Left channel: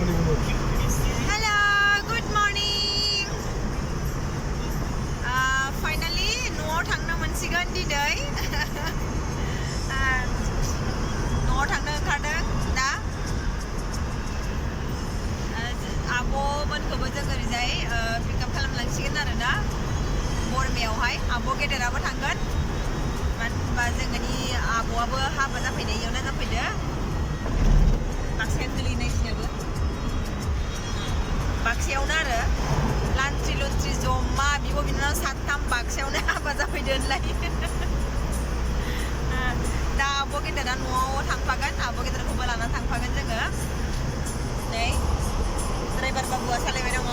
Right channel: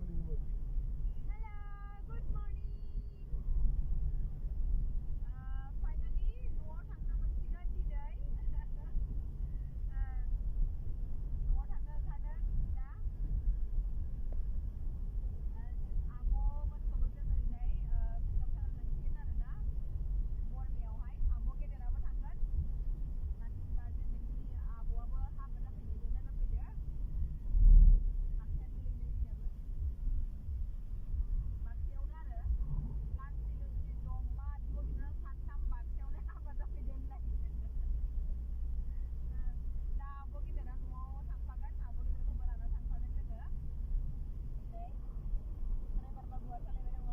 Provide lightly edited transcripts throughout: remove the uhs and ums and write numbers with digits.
Hello, good morning. Finally, न'आव थांनो मोनसिगोन दिनै. न'आव थांनो ओंखारदों दा. आब'मोनखौबो जों ओरैजाय पिकआप खालामलांसिगोन आरो ना बरमायावहाय. आब' गेदेराबो थांगोन. मानो होनबा जोंनि आब'आबो हाबा जाफैनाय इयावनो जाफैदो. बाक्सायाव गोलैनायसिनोबो. बाक्सायावनो आरो लान्ट्रि लुन्ट्रि जमा बिब' बिनानाव साथाम बाक्सायावनो हाबा जाफैदो होनलाय. दा आब' गेदेरा न'आव थांफागोन. आब' गेदेरखौबो लानानै थांफागोन जोङो. नै ड्राइभार बाबुआ सालायबाय दङ.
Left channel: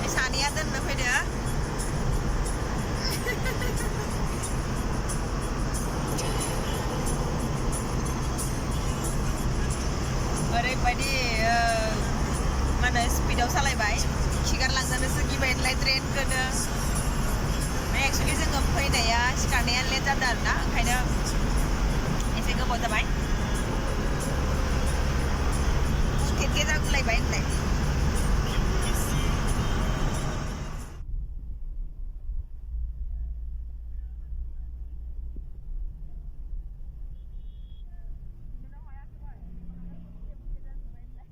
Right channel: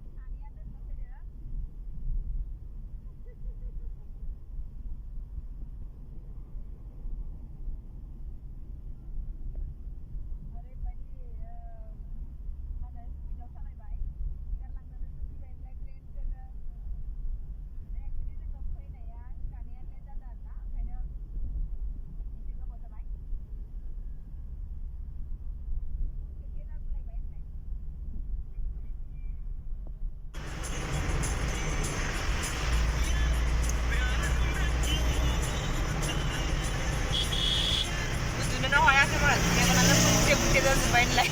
बे सानैया दोननो फैदो. ओरैबायदि मा होनो स्पिडाव सालायबाय. खिगारलांजानोसो गिबाय होनलाय ट्रेनखौनो. एक्सुवेलि जोङो फैनाया सिखारनाया लेट जादों आरो ना, ओंखायनो एसे गोबाव जाबाय. खेखे जागुलायबाय होनलाय. उन्दुनोनो हायाखैमोन. मेगनानो बुथे बुथे जाजोब्बाय होनलाय.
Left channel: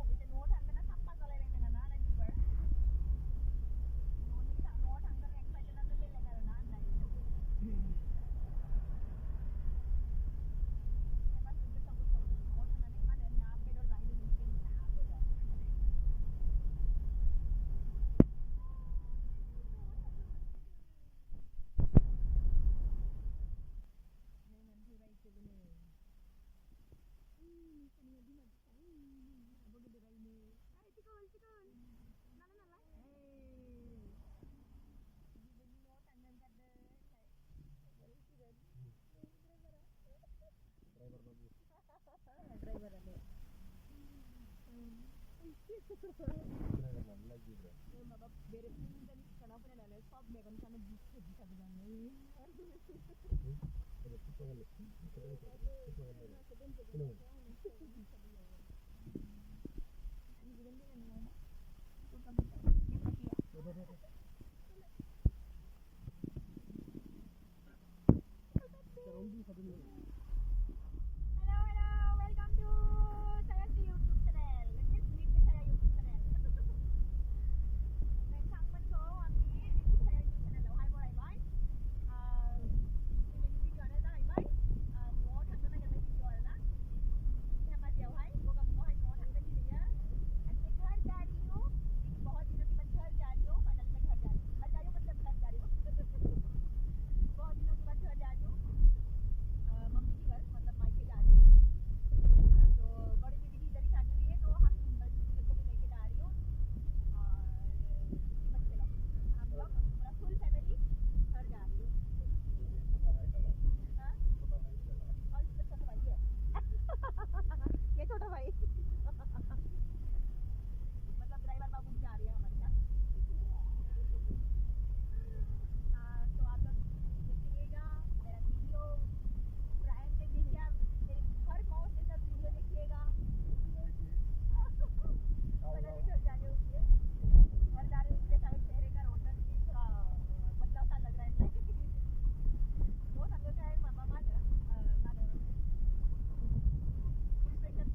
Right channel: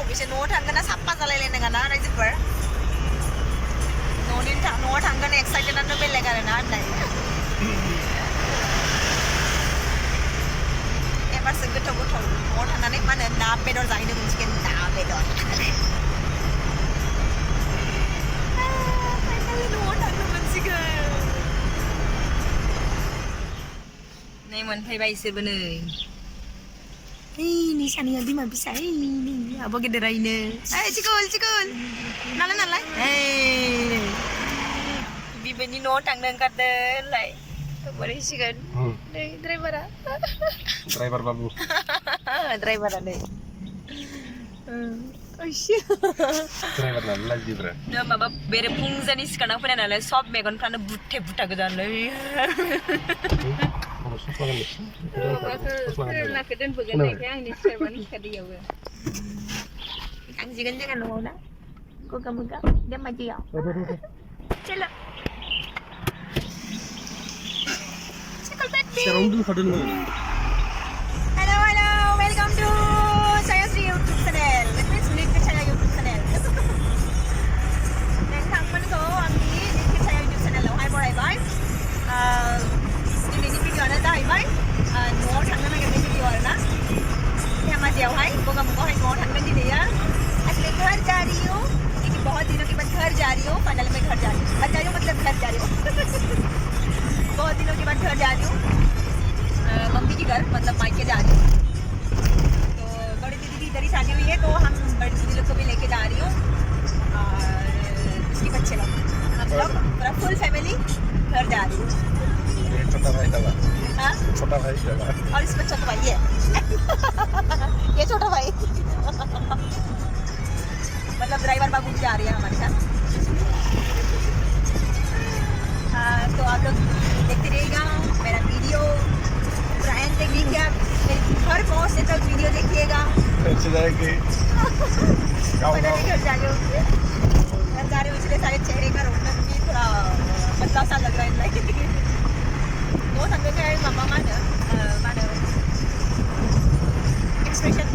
अबेसे न'आव थांगोन ना साफा जालायलायनाङा ना रायजोफोर. न'आव थांगोन एक्साइटेडआनो बेलेग आरो ना होनलाय. एबारसो गोथाव गोथाव न'आव थांनानै मा होनो ना बेदर जाहैनो मोनसिगोन. ना बेदर फाइनालि न'आव थांनो मोनसिगोन. नै मोनफैबाय इसोरबो नै. Ini saniya di mana bisa ini apa gede raine. Cikul nalan. Bibeni no tang nang kade lai. Boleh sih kan? Deh driver babu. Driver ada. Oish. Driver lagi bro. Nah, mama bere pungza ni sekarang pun ada lah. Sob megon prana butte buta kedan lai. Nak kedan began yang ni serban kadiau. Kang jigan jangan mau dah. Gogamukh Dhemaji ya. Celo. Hello, welcome to Chayasri YouTube channel. Let me sulit ke Chaya YouTube channel. Dan teman ko ambil di Chaya YouTube channel lo. Hai bye. Ini video ada dah bye. More thằng nó cái video ना. Dhemaji आओ hai. Gogamukh hai more thằng cái gì ya. Actually घर जा रही हूँ. लेकिन बहुत दिनों के बाद घर जा रही हूँ. फाइनल में घर जा रही हूँ. जा रही हूँ मतलब घर जा रही हूँ. बहुत दिनों के बाद घर जा रही हूँ. मम्मी के घर मतलब मायके जा रही हूँ. तो बड़ी दीदी इधर ही शादी हुई है, तो हम बड़ी दीदी लोग को भी लेके जा रही हूँ और उसके बच्चे लोग, हम लोग पूरा फुल फैमिली घर जा रही हूँ. छोटा भाई दवा. हाँ? छोटा भाई दवा. और इसमें छोटा भाई है. ये छोटा भाई. मतलब ड्राइवर बाबू जा रही है हमारे साथ. तो आप लोग देखते रहिएगा मेरा वीडियो. ब्रायन देखिएगा. हर बहुत से तक वीडियो देखिएगा. अच्छी जाएगी. फाइनली घर जा रही हूँ. घर जा रही हूँ इसलिए सारे चेहरे का रौनक भी थोड़ा बदलाव सा लग रहा है. वो संगे के मामा mana expression.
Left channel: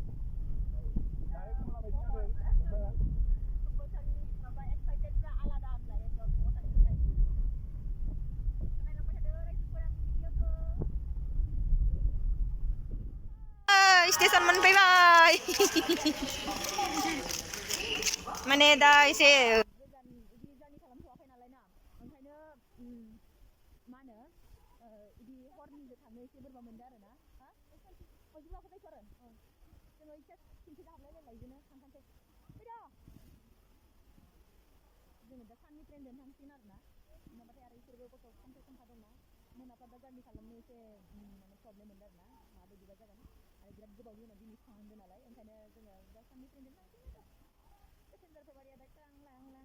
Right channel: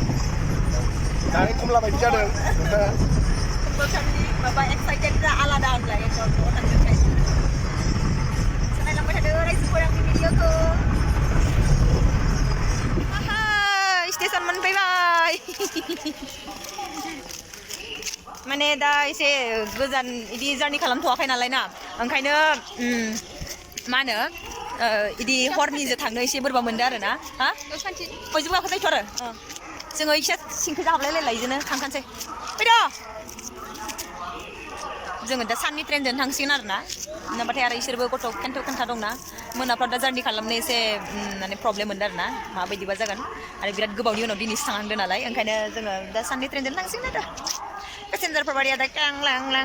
Dari kumla baca deh. Bukan ni bapa excited dah ala dah lah ya kalau tangga kayak. Sampai lambat ada orang suka yang video tu. Stesen मोनफैबाय. माने दा एसे गोजान इदि जार्नि खालामथ'वाखै नालाय ना, ओंखायनो मा होनो इदि हरनिजों थांनो एसे बोरैबा मोनदों आरो ना. हा बयजोंबो गाखोजायोथ' आरो. जोङो एसे सिंखैजा हाबलायलायलाय इजोंनो थांखानोसै. फैद'. जोङो दा साननि ट्रेनजों थांसिगोन आरो ना. नङाबाथाय आरो इसोरबो गथ' खोन्था दंना. मोनाफ्राव दा जार्नि खालामनो एसे माने प्रब्लेम मोनदों आरो ना. माबायदिबा जागोन. आरो बिराद गोबावनि उनाव दिनैसो थांहांदों नालाय, ओंखायनो जोङो दा साननि ट्रेनजों थांसिगोन आरो. पेसेन्जारफोर बायदि दा क्लां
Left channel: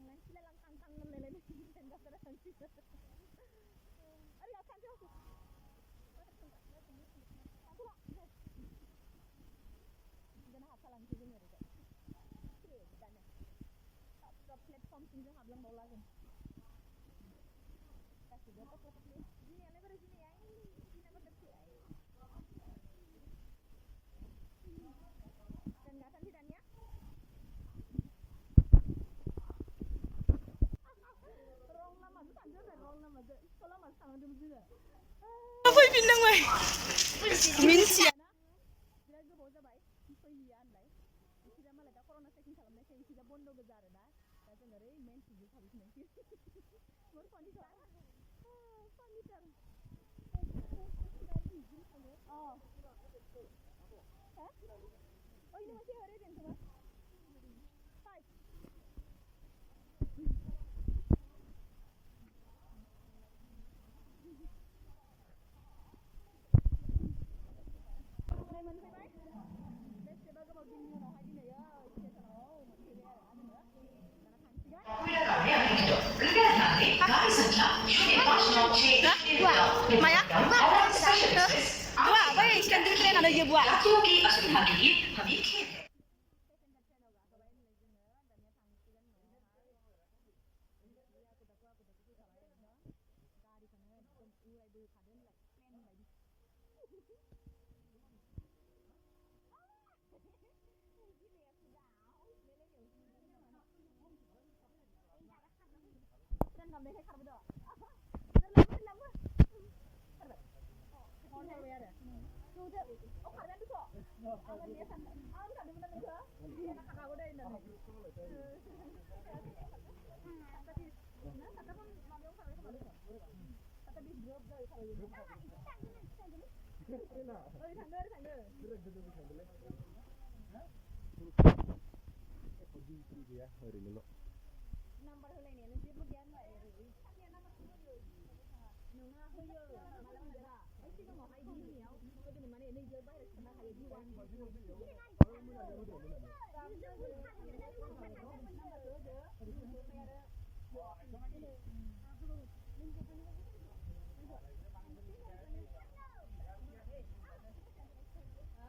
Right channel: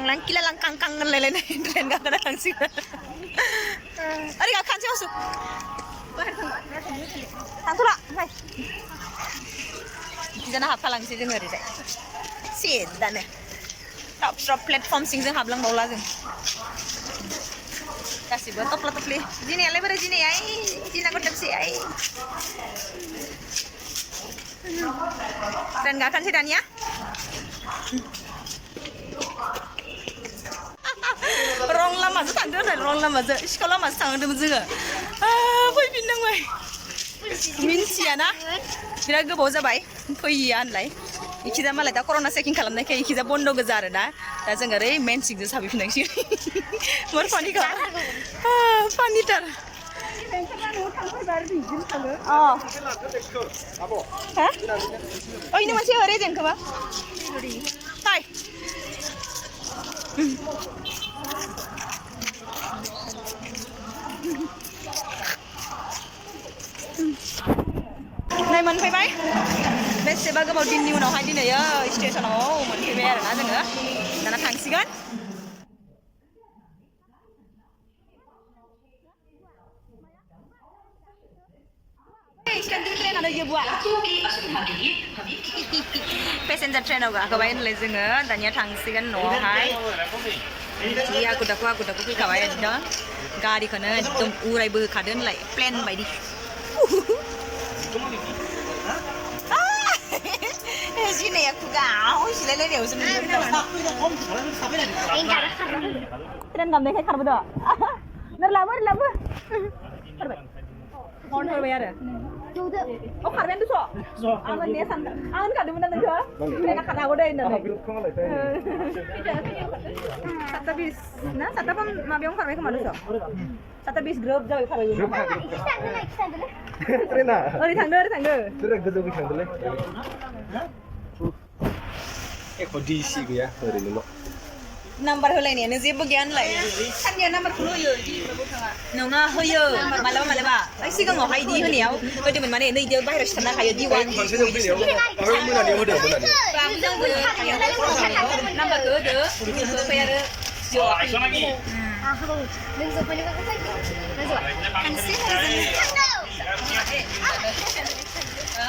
लां किलालां कां कां होनलायलायनाय ट्रेन गाखोना थांसिगोन. ओरै गाखोनोसै असु. थांथ'ला. इखिजाना हाबफालांसै जोङो ओरैजाय सिदानो टप प्लेटफर्म सिंजों हाबलांबावला जों गासिबो टप्ला टप्लि दिनैयालाय बोरै दिनैहाय दिना गथोंसैहाय ट्रेन गाखोनोसै दानिया रं लामाजों थांदो होनदों रं लामाजों सिखाव लामाजों थांदोंमोन जोङो फैफिननांबाय मिन्थियाना बिराद गोबाव जाबाय फैया होनलाय इखिजा मालाय दा कर'ना चेकिं खालामनायखाय इखिजा बन्द गोजा आरो दा जों ओरै मेन सिंजों साफैफिननांसिगोन मोर फानिखा फानिथार इनो मोनसे ओरै देंखोबा हाय नै मोनफैबाय बेसेबा गोबाव दिननि उनावहाय दिनै स्टेशनाव मोनफैबाय आरोना जोङो दाना थांसिगोन माया बै स्टेनदिं ट्रेनानो इयो बुआ पेसेन्जार ट्रेनाव गाखोबाय होनलाय जोङो दानिया थांसिगोन न'आवहाय जि आखु दाखु फैखाबाय एकदम गारिखौनो एकदम उरायबोखादो होनलाय प्लेन बायदि जिनाया खुगाव सिलायलायनायावसो ट्रेन गाबनायखाय खारबोदो लाबो खारबाय आरो खारबायानो दस' आं होननाया सानदों आं होनखादोंमोन ना नोंखौ ट्रेना खारनो हागौ दे होननानै 7:20 ना 7:00 माबायावनो खारबाय खोमा दस' 7:20 ग्रोब जाबाय खारबाय ट्रेना ओरै थांदो गोजौ थांदोलै एख' डिसि गैया ओरैनोल' नाम्बार होलायनायानो जेबो गैया होनलाय साननिया नाम्बारखौल' होयो नङा होयो मालाबा सिगाङावहाय इदि होनायाव होदोंमोन माने नै इदियाव बाहेरायाव सिथारना हायो D1 मोनानियाव होदो नाम्बारखौ होदो ओमफ्राय आरो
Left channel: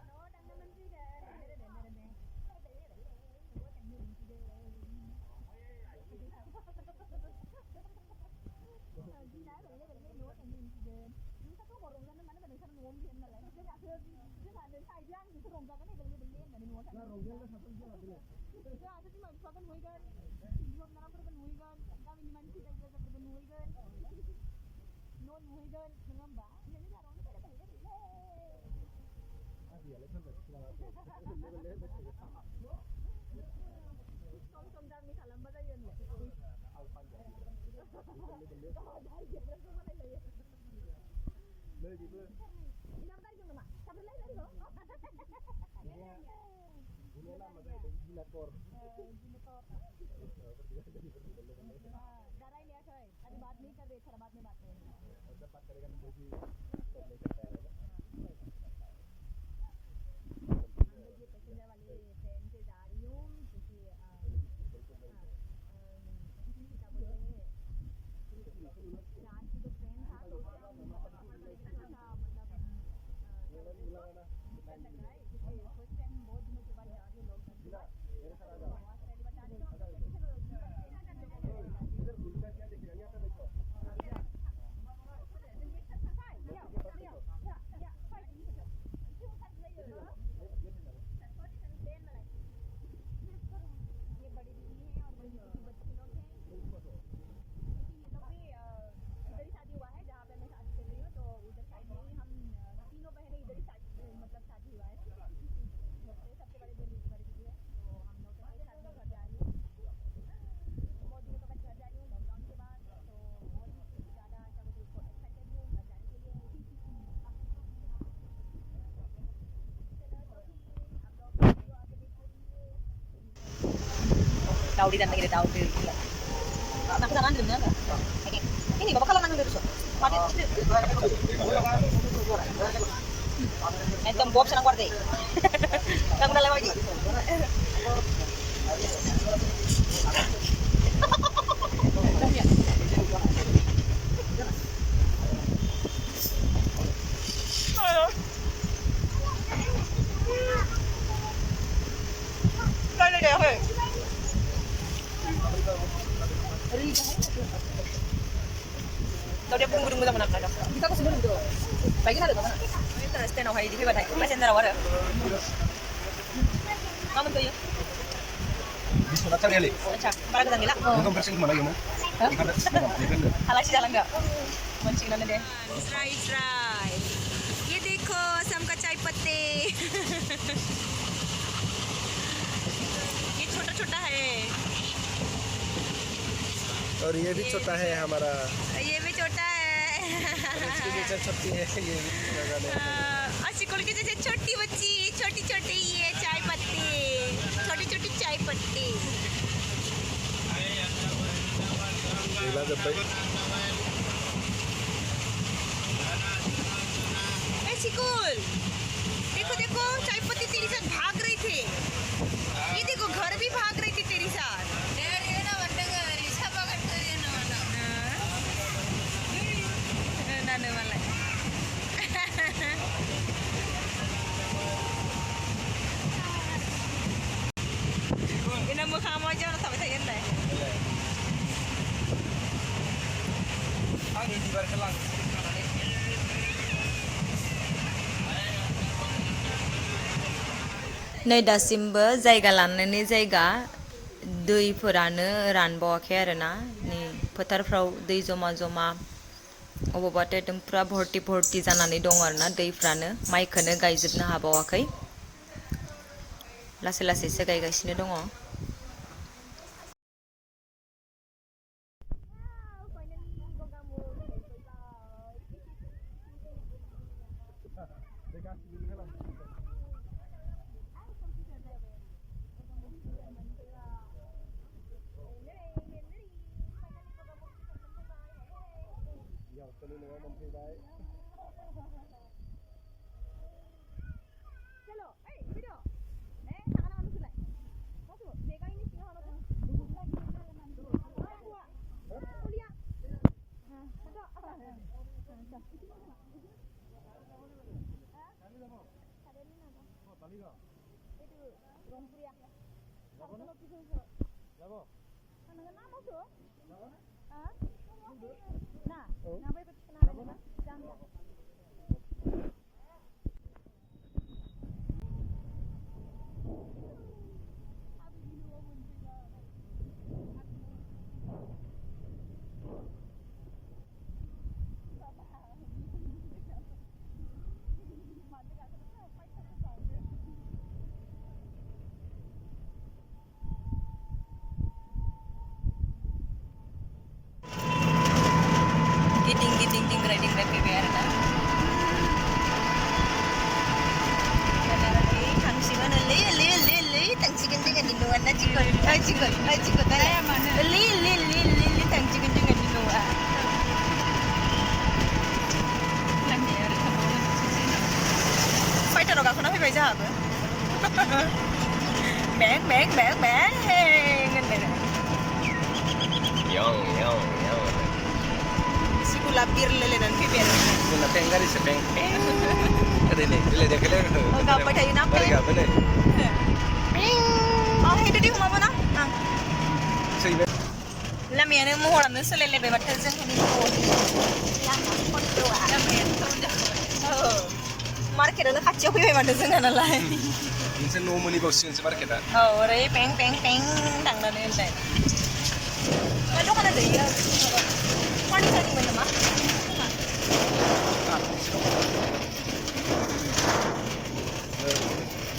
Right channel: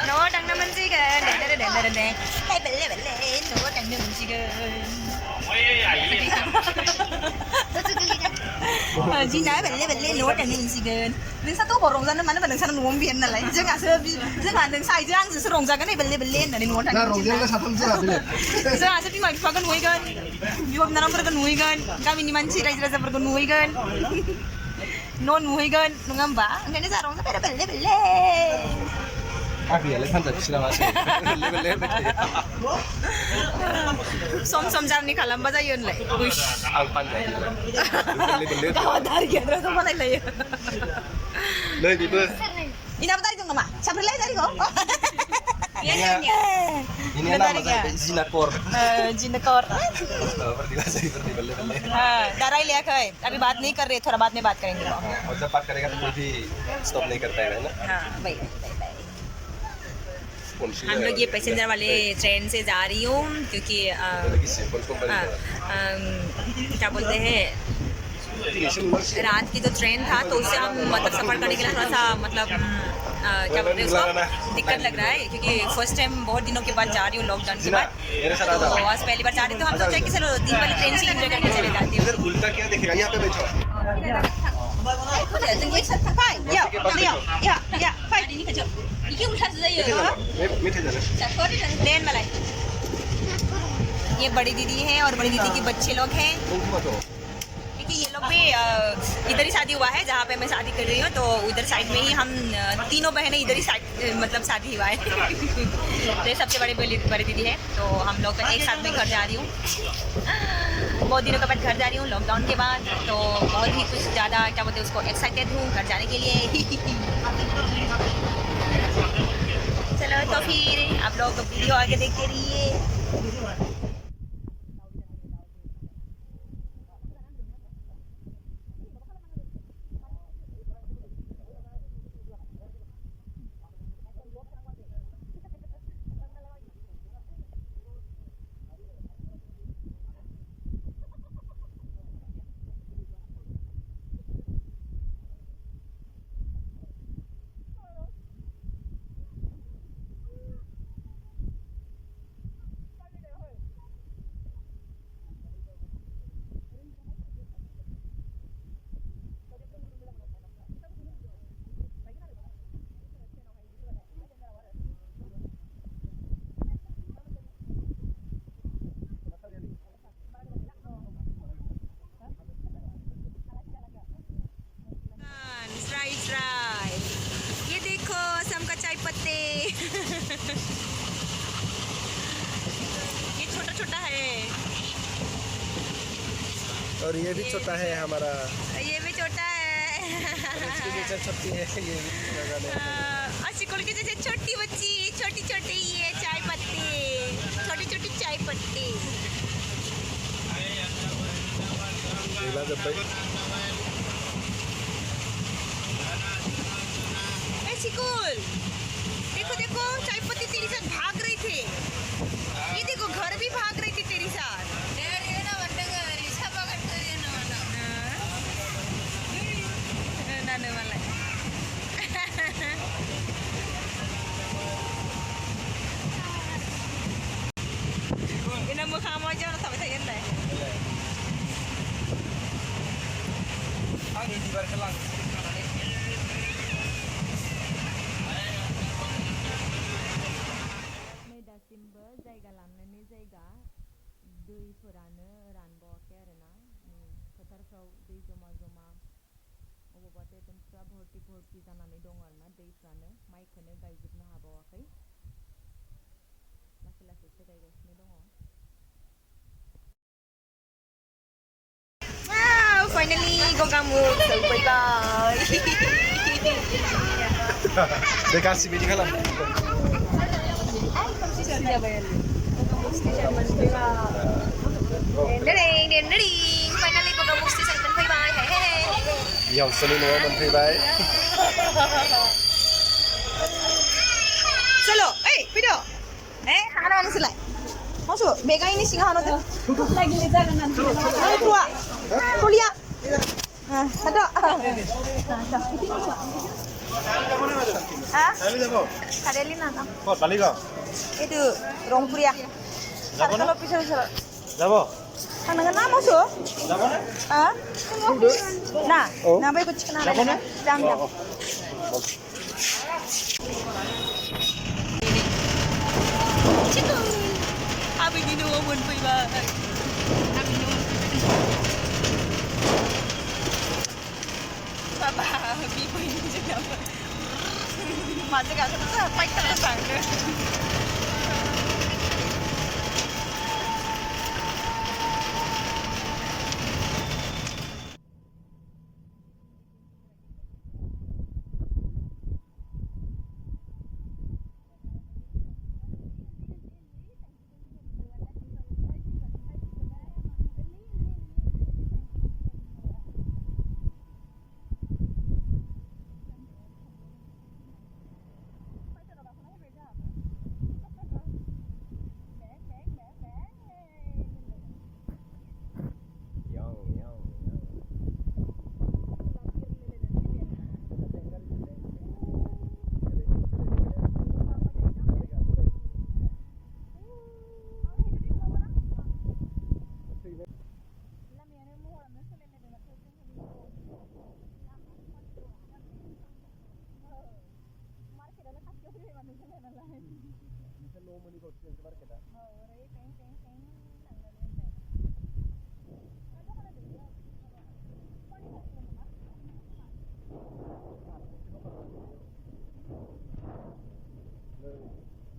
न'आव थांनो मोनसिगोन न'आव थांनो मोनसिगोन जिना बेले न'आव थांनो मोनसिगोन नोंसा थ' अबाव रंजानो मानो होनबा नोंसा न'आवनो बेनो नालाय जोंहा नोंसा आइजों आंजोंसो रंजागोन बेले होननानै न'आव थांनो जोंहासो बिमा बिफाखौ नुहैगोन बिब' बिनानावफोरखौ नुहैगोन गामिनि मानसि रायजो राजाफोरखौ नुहैगोन न' नुहैगोन नङा होमबा ओंखायनो जोंहा रंजाबाय बेले आगैयालाय फानजाफिसो नामासो सम जारनि खालामबा जायो होनलाय आं फानजायो गावहा दारि गैयाद्राथ' बानायलायो नै बेबो इनाबो दारि दं नामा साफ्रोलाय दारिखौ ini nama saya Jinakor. Jinakor. डराई लिया है अभी बात नहीं कर रहे थोड़ा बाद में बात करेंगे और जब बात करेगा तो कोई भी स्टॉप नहीं करता है ना हाँ भाई हम लोग ये पैसेंजर वाले ट्रेन से जा रही हूँ क्योंकि क्या बोलते हैं रात की जो ट्रेन था तो उससे हम मतलब सफ़र करने के लिए थोड़ा सा मतलब क्या बोलते हैं उसको दिक्कत लग रहा है क्योंकि फर्स्ट टाइम बहुत दिनों के बाद जा रही हूँ लॉकडाउन के बाद तो आज पहली बार जा रही तो हम सोचा कि चलो दिन वाली ट्रेन से एंजॉय करके चले जाती हूँ उल्टा क्या दिखेगा यहाँ पे बैठो ये बड़ी दीदी है और बड़ी दीदी के बच्चे लोग हैं क्योंकि ये लोग भी इधर ही शादी हुआ है जहाँ पे मैं शादी कर रही हूँ तो उधर साइड में ही हम तीनों बहनें इधर ही साइड मतलब शादी हुआ है तो ये सबसे बड़ी दीदी है तो हम लोग एक साथ में घर जा रही हूँ बहुत दिनों के बाद घर जा रही हूँ लॉकडाउन के बाद तो बहुत ही कुछ ज़्यादा क्या बोलते हैं उसको एक्साइटेड हूँ घर जाने के लिए चलो तो फिर आप लोग वीडियो आगे देखते रहिए दाउडी dan lagi daudi nak ke sana dulu enggak ini bapak kalau nang dulu entom bob senang kuarte kamu udah lewat lagi गुदुं मोजां मोना आरो बिखाखौ सुनो लुबैदों बायगोन आरो गाबोन स्टेनावहाय इदि फैबाथाय पेसेन्जाराव आरो गाबोन फैयो Basumatary ali. अच्छा बारा गोजान गैला Nonton versi mana gimana? आलासि जालांदो मोनसिगोनानो दे ट्राई ट्राई ये देखो असम का चाय पत्ते ये छोटा छोटा है और ये भी छोटा है हमारा ये भी छोटा है इसकी जैसे छोटी है ये भी असिकुल की जैसे छोटी बच्ची छोटी छोटी ये चाय पत्ती छोटी छोटी चाय पत्ती गila जब्बाई सिकुल देखो देखो चाय पत्ती तेरी साथ भाग रही थे ये देखो घर भी भाग रही थी तेरी साथ नानो मालाय ini मोखाङा मा जाना थाबाय थायो होनलाय आंनि बिबारखौ लां नै दासिमबो जायगा लानानै जायगा दैफोरानो रानबावाखै आरोना नै फोथारफ्राव दै जमा जमा अबावबाथ' एकदम पुरा भर्ति भर्ति जानानै दङ आरोना दैफ्रानो माइखौनो गायजोबनो हाबावाखै लासै लासैसो गायगासिनो दङ फाइनाली गगामुख सौफैबाय दे गासिबो बिदि खालाम फाइनाली गगामुख स्टेशन मोनफैबाय बिहामजोनि न'आव मोनफैबाय चलो ओइ फैदो हाना नोंसोरलाय मासु बेगा इनि सिङाव हानो दे लागिले जागोन ना ओइ तुआ टलिया हादो Kadeli nana. কত বালিগাঁও Itu Rongpuria. যাব না Kalau pisau pisau. যাব Tangan nama su? যাব না Ah? Nah, Oh. nah baik kucing nana. Siapa nih? Jam jam. Cikgu. Abi di dua pun pergi balik. Abi di. Papa, abi pergi juga. Masih kat sana, baik tak sana. Giting riding back biar na. Tangsi mana le tangsi kencing di luar na cikgu. Cikgu. Le tangsi kencing di luar. Fighter orang kena pergi jawab. Bang. Yang Si gula bir lele nan pipian. Kuna penggari sepeng. Ada ni, dia kele. Oh, kau pada ini apa? Mereka boleh. Oh, itu di rumah mana? Seibe. Lama yang mu orang tu selele bebat terjun ni. Lama pun tua. Lama yang tu dah. Oh, market ada kacau pergi bebat terjun kan lah. Ini no money bos sih market ah. Oh, orang peng tang dah ni dah. Kalau kan ada ya. Mana tadi mana mah?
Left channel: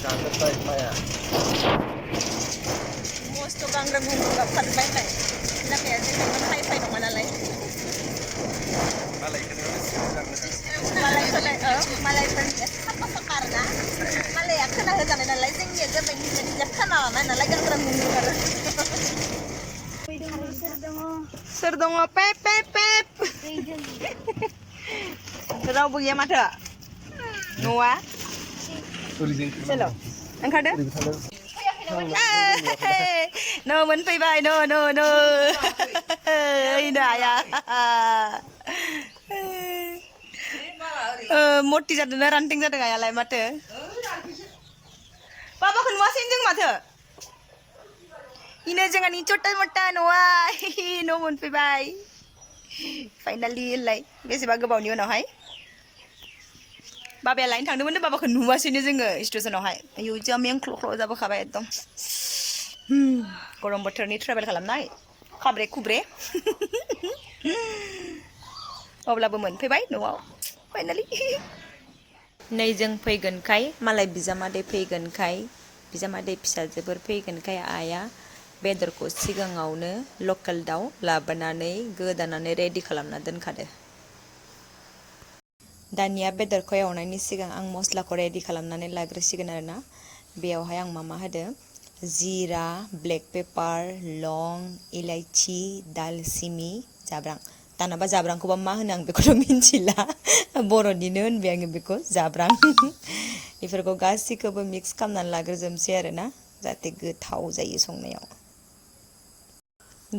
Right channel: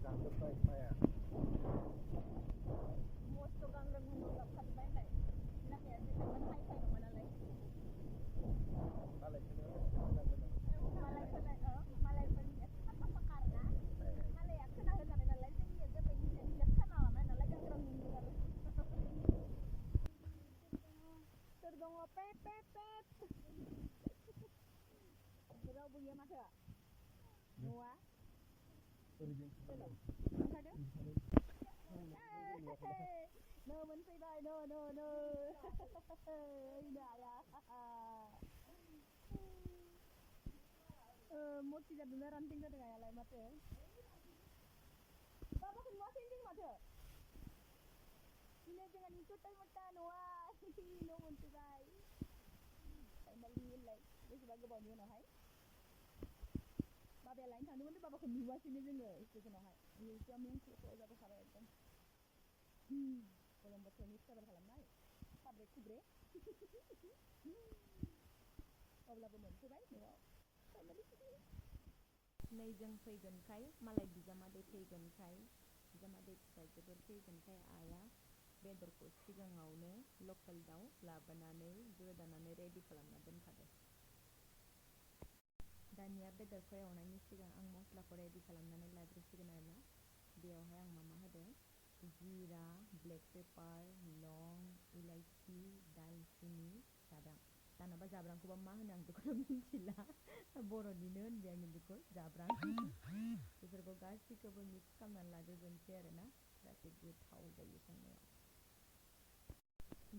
Jangan baik maya. Most tu kang ragu dapat baik. Nak ya, jangan high dong mana lain. Malay kena jangan. Malay pun apa sekarang? Malay aku nak jangan nak lain sini aja bagi jangan mana lagi kan ragu. Serdong pep. Terus buat mana? Noah. Tulisin. Selo. Angkat deh. No, mình phi bài no. Ina ya. Motti jatuh na ranting jatuh gaya lai mate. Papa kan masin jeng mate. Ina jangan icot motta Noah. No, mình phi bài. Finally लाय बेसेबा गोबावनि उनावहाय बाबाया लायनो थांदोंमोन बाबाखौ नुवासैनो जोङो स्टेशनावहाय आयौ जा मेंख्ल' जाबोखाबाय एकदम गरम बोथोरनि ट्रेभेल खालामनाय खाब्रे खुब्रे अब्लाबो मोनफैबाय न'आव फाइनालि नै जों फैगोनखाय मालाय बिजामादै फैगोनखाय बिजामादै फिसाजोफोर फैगोनखाय आइया बेदरखौ सिगाङावनो लकेल दाउ लाबोनानै गोदानानै रेडि खालामना दोनखादो दानिया बेदरखौ एवनायनि सिगां आं मस्लाखौ रेडि खालामनानै लाग्रोसिगोन आरोना बेयावहाय आं मा होदो जिरा ब्लेक पेपार लं इलाइचि दालसिनि जाब्रां दानाबा जाब्रांखौबा मा होनो आं बेखौथ' मिन्थिला बर'निनो होनबाय आङो बेखौ जाब्रां बेफोरखौ गासैखौबो मिक्स खालामनानै लाग्रोजोबसै आरोना जाहाथे गोथाव जायो संनायाव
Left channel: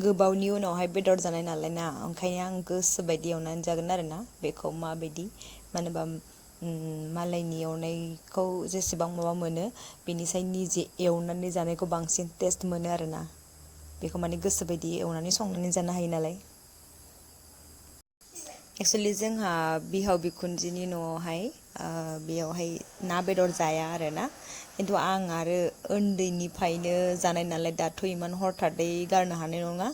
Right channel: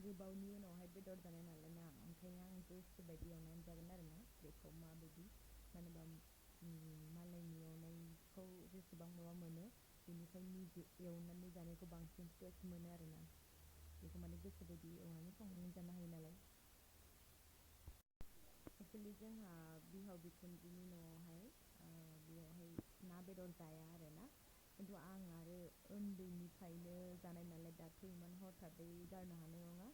गोबावनि उनावहाय बेदर जानाय नालाय ना ओंखायनो आं गोसो बायदि एवनानै जागोन आरोना बेखौ माबायदि मानो होनबा मालायनि एवनायखौ जेसेबां माबा मोनो बेनिसाय निजे एवनानै जानायखौ बांसिन टेस्ट मोनो आरोना बेखौ माने गोसो बायदि एवनानै संनानै जानो हायो नालाय एक्सुवेलि जोंहा बिहाव बिखुनजोनि न'आवहाय बेयावहाय ना बेदर जाया आरोना खिन्थु आं आरो उन्दैनिफ्रायनो जानाय नालाय दाथ' इमान हरथादै गारनो हानाय नङा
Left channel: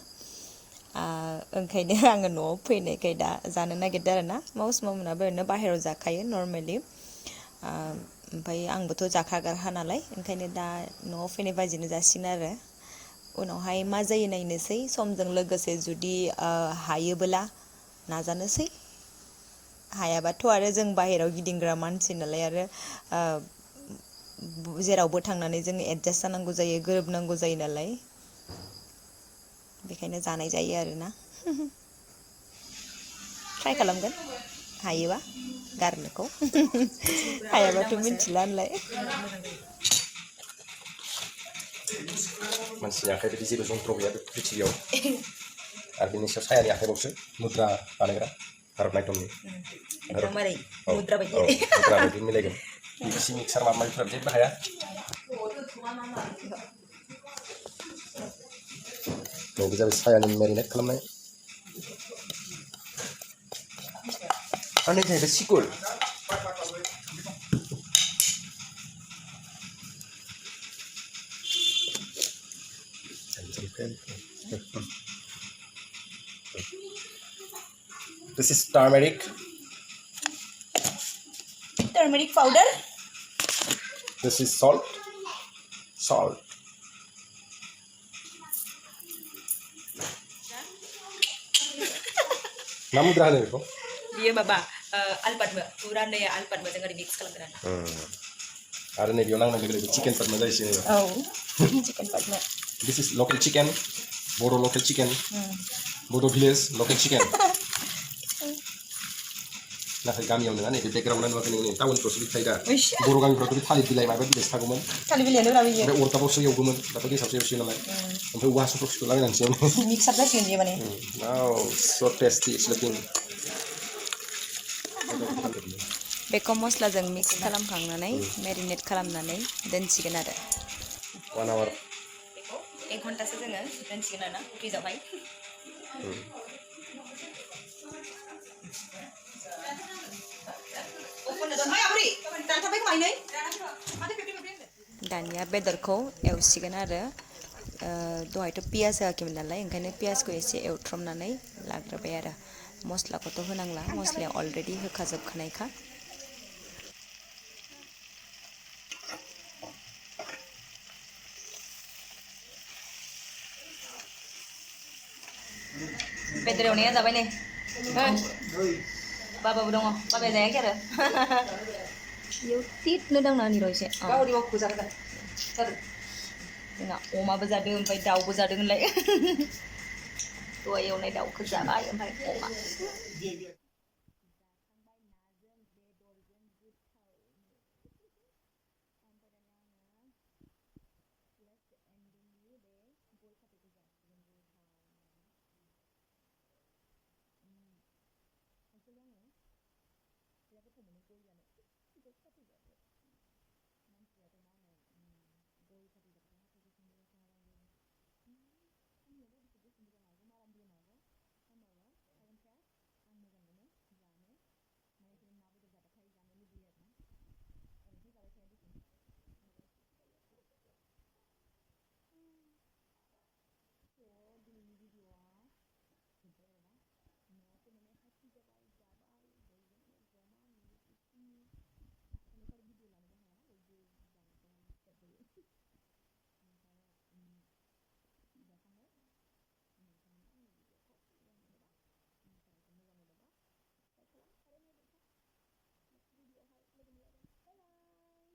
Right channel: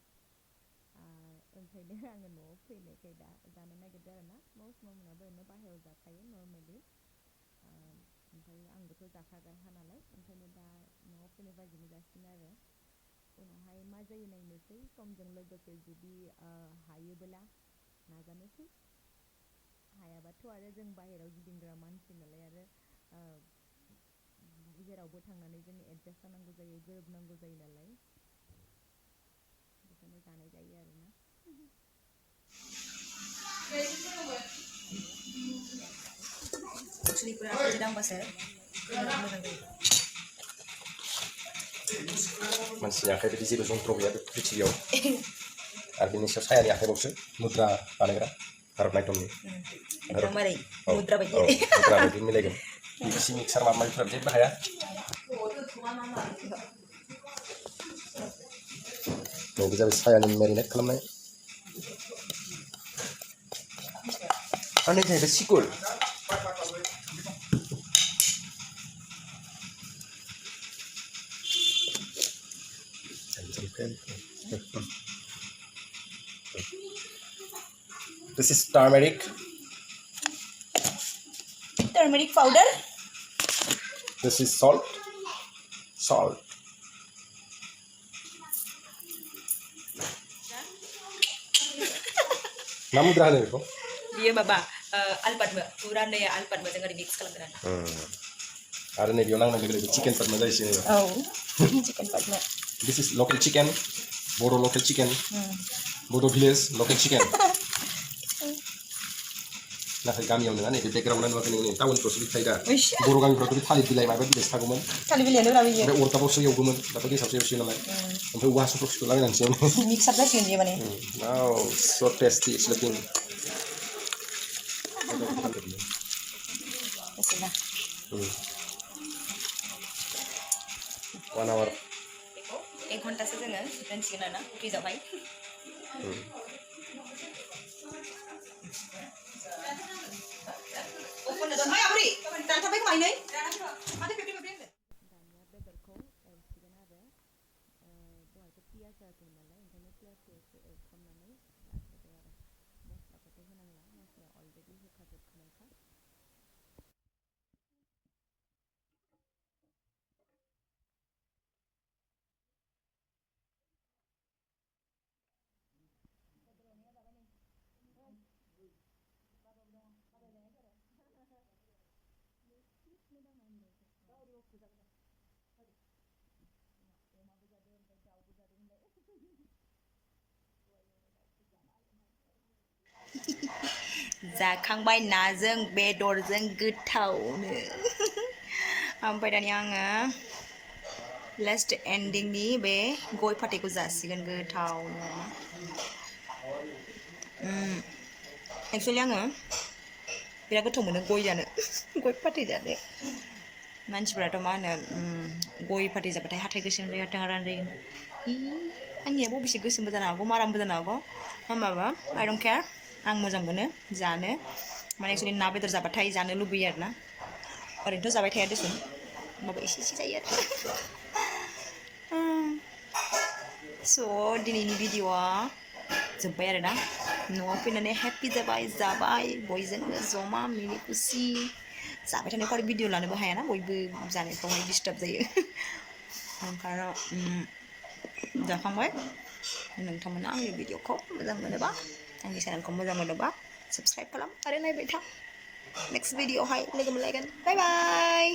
ओंखायनो आङो न'आव फैनायखाय दा जानो नागिरदों आरोना माउस मामोनाबो ओरैनो बाहेरायाव जाखायो नर्मेलि ओमफ्राय आंबोथ' जाखाग्राखा नालाय ओंखायनो दा न'आव फैनाय बाजैनो जासिगोन आरो उनावहाय मा जायो नायनोसै समजों लोगोसे जुदि हायोबोला नाजानोसै हायाबाथ' आरो जों बाहेरायाव गिदिंग्रा मानसि नालाय आरो जेरावबो थांनानै जों एडजास्ट जानांगौ जायो गोरोबनांगौ जायो नालाय बेखायनो जानाय जायो आरोना ट्राइ खालामगोन हायोबा गारनोखौ हायाबाथ' मिथिला होनलाय मानसिनि आखाइ बायदि जेबो जन्थ्र गैया बे पृथिबियाव आरो बेनि सायाव सायानि आखाइ मुद्रा बानायग्रा भारतनाट्यमनि एकदमबारे मुद्रा बायदि मुद्रा बायदि मिलायगोन बिसि मिक्सार माबा माबिफोरा जेबो हाया नैबे जाबाय सायानि मेरिनेट खालामनाय आरो नै जाहैबाय सिकुर This is turmeric powder this is salt मा मुद्रा होनो बेखौ बियो माबा आलपादमो पुरा नै आलपादमो जों ओरै मिक्स खालामगोन आरो नै बेयाव नांनाय लोगो चिकेन पादमा जायैसै चिकेन पादमा This is local chicken Bodo local chicken Bodo village local chicken नाथाय गामियाव नङा नै बे बेकग्राउन्डआ नुवाखै नोङो टाउनफ्रावसो बिदि थायो दा बर' गामिफ्रावथ' बे थालिर बिलाइ माबा बिलाइसो थागौमोन थालिर बिलाइयानो ब्रा बियो ओमफ्राय अरदाबावसो एवगौमोन दाथ' गेसावसो एवसै नालाय ओमफ्राय औवा हासुंफ्राव सोलाबायनानैसो मिक्स आप जासिगोन बियो माने Wow so tasty it's looking बेखौ मस्लाजों मिक्स खालामखांनानै मेरिनेट खालामनानै दोनसिगोन आरो 1 hour बेखौ 1 घन्टासो जोङो दोनसिगोन आरोना फ्रिजावहाय दानिया बेदरखौ एवसिगोन आरो दहायथ' पियास होआखैमोन नालाय ओंखायनो पियासखौ एसे एवथ्रमनानै लाग्रोबाय आरो मस्लाखौथ' होनांला मस्लाया अलरेडि होखाजोबखानायखा बेदर एवनाया जाबाय नै बाबाबो दङ बाबाया जायाखै आरो बेयाव तितनो दांना होनि र' एसे जोंहा अमाबो जादों ओमफ्राय दाउबो जादों होनलाय दहाय एवनाय दाउखौ जाबाय ओमफ्राय अमा जाखांबाय नाजों बेदरजों गोथावनो ओमफ्राय दानिया आङो लास्ट एन्डिंनि बे गय फाथैखौ जासिगोन गोथावनो एक्सुवेलि आङो बिराद गोथाव मोनो गय जानो गय फाथै जानो मानसिफ्राथ' मा होनो गय फाथै जाबाथाय हाथाइ गोसोम जायो हाथाइ हारान जायो आंनिया बबेसे गोसोमबो जानो हागौ मारामबो जानो हागौ होमबाबो I don't care आं मोजां मोनो जानो माने एक्चुअली ना बेदर जाबाथाय जानो लुबैयो आरोना ओरैनोथ' जाबाय थाया देसुन होमबाबो एसे जायो आरो स' दिनैनि भिडिअ'आ जोब्बाय आरोना न'आव फैनानै हेपि जाबाय बयजोंबो जमा मिनि खुसि जाबाय थानायखौ आरो भिडिअ लानोबो हायाना बयबो जानायफ्रावहाय डिस्टार्ब जायो ओंखायनो जाखांबाय नोंथांमोना आंनि भिडिअखौ मोजां मोनोबा आंनि चेनेलखौ मोजां मोनोबा साबस्क्राइब खालाम आरो नायबाय था नेक्स्ट भिडिअआवहाय लोगो मोनलायगोन बाय बाय